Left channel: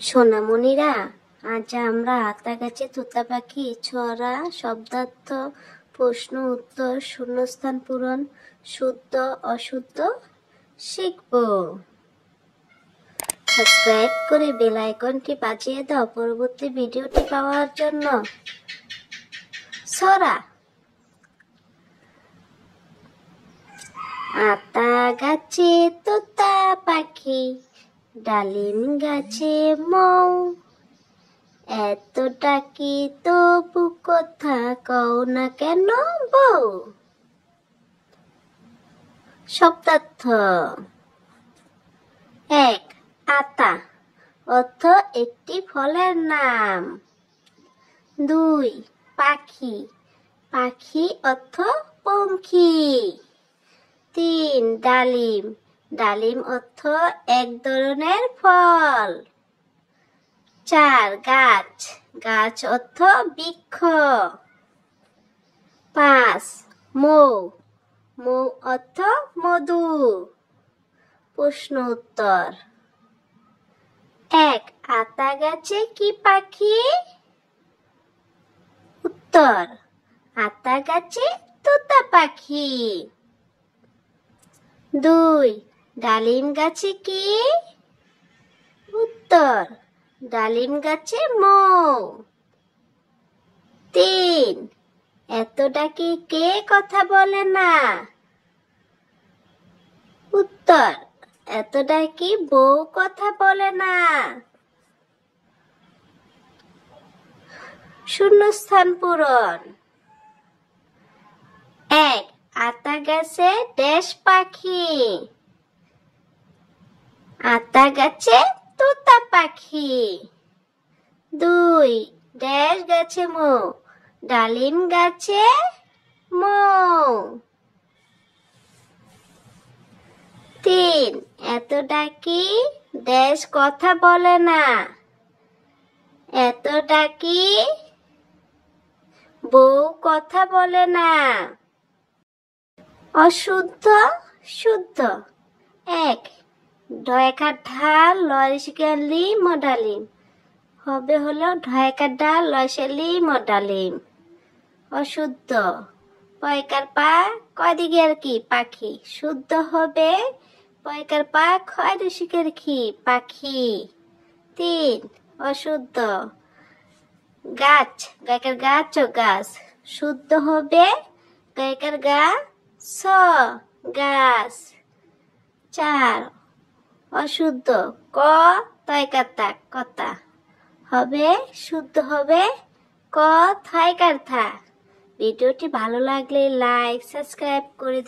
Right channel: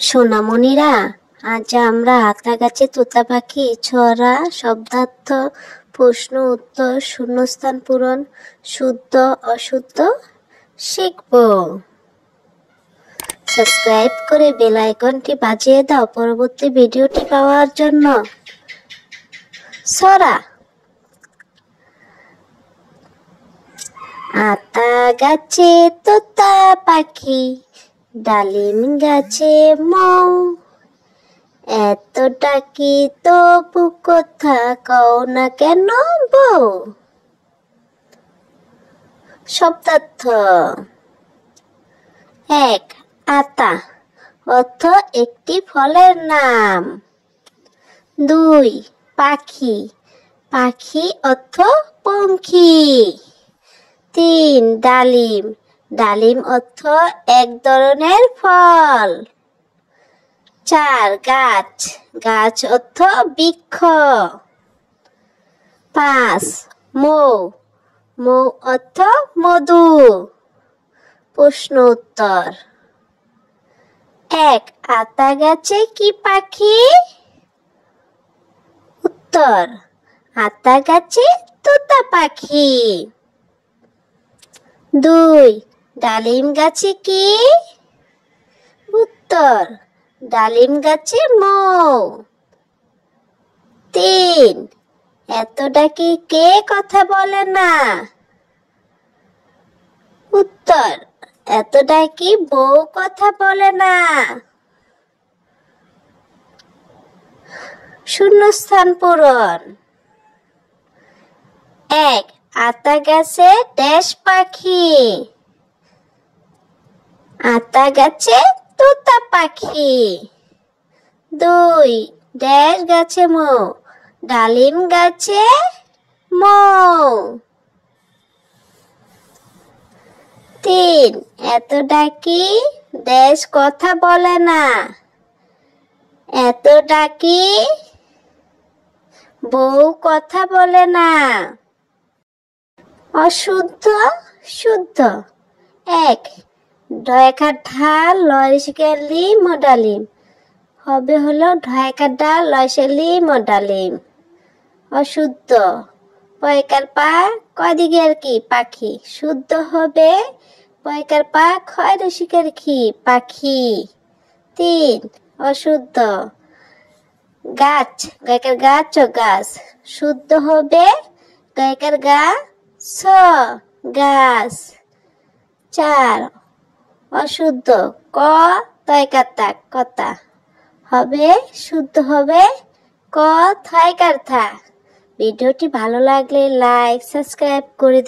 সোনামণিরা, আজ আমরা আতা গাছে তোতা পাখি ছড়া, শব্দার্থ, প্রশ্ন উত্তর, শূন্যস্থান পূরণ, শুদ্ধ অশুদ্ধ শিখব। সাবস্ক্রাইব করে বেল আইকনটি বাজিয়ে দাও পরবর্তী ভিডিওটি পাওয়ার জন্য। ছড়া। আতা গাছে তোতা পাখি, ডালিম গাছে মৌ, এত ডাকি তবু কথা কও না কেন বউ। শব্দার্থ। ১. আতা অর্থ একটি ফলের নাম। ২. পাখি, পাখি অর্থ পঙ্খী। ৩. ডালিম, ডালিম অর্থ এক ধরনের ফল। ৪. গাছ, গাছ অর্থ বৃক্ষ। ৫. মৌ, মৌ অর্থ মধু। প্রশ্ন উত্তর। ১. আতা গাছে কি পাখি? উত্তর: আতা গাছে তোতা পাখি। ২. ডালিম গাছে কি? উত্তর: ডালিম গাছে মৌ। ৩. এত ডাকি কে কথা বলে না? উত্তর: এত ডাকি বউ কথা বলে না। শূন্যস্থান পূরণ। ১. আতা গাছে ড্যাশ পাখি? আতা গাছে তোতা পাখি। ২. ড্যাশ গাছে মৌ? ডালিম গাছে মৌ। ৩. এত ডাকি ড্যাশ কথা বলে না? এত ডাকি বউ কথা বলে না। অশুদ্ধ শুদ্ধ। ১. ঢয়কার ঢাল লয়সিকালি মডালিম হবে হলো ঢয়কার ঢাল লয়সালি মডালিম। অশুদ্ধ। পয়কার পা কয় দিকের কি পাখি? শুদ্ধ হবে পয়কার পা ক্ষয় রসিকের কি পাখি। ৩. অশুদ্ধ। গাছ, গায়কার গাছ ও গাছ শুদ্ধ হবে গায়কার গা ছ গাছ। ৪. অশুদ্ধ। ক তয়কার তা কথা হবে শুদ্ধ হবে ক থয়কার থা। ভিডিওটি ভালো লাগলে লাইক সাবস্ক্রাইব করে